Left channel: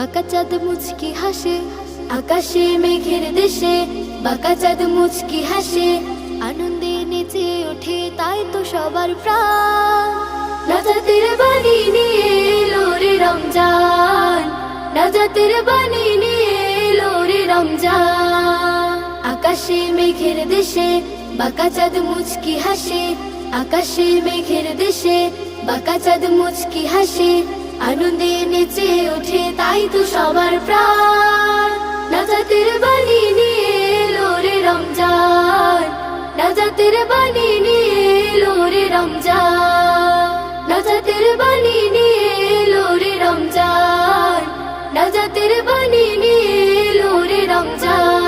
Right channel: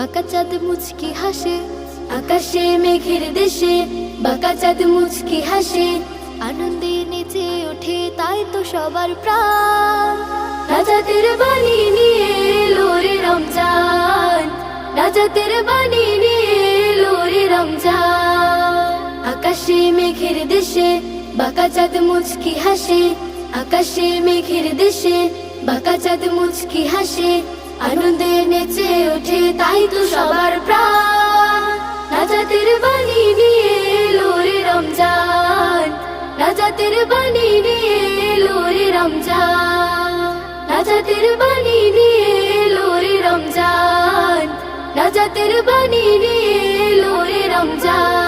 বাঁকা চাঁদ মুচকি হাসে আকাশে মেঘের দেশে, বাঁকা চাঁদ মুচকি হাসে আনন্দে নেচে ওঠে, তাই তো সবার প্রাণ। নাজাতের বাণী নিয়ে এলো রে রমজান, নাজাতের বাণী নিয়ে এলো রে রমজান। আকাশে মেঘের দেশে বাঁকা চাঁদ মুচকি হাসে, আকাশে মেঘের দেশে বাঁকা চাঁদ মুচকি হাসে আনন্দে নেচে ওঠে, তাই তো সবার প্রাণ। নাজাতের বাণী নিয়ে এলো রে রমজান, নাজাতের বাণী নিয়ে এলো রে রমজান, নাজাতের বাণী নিয়ে এলো রে রমজান, নাজাতের বাণী নিয়ে এলো রে রমজান।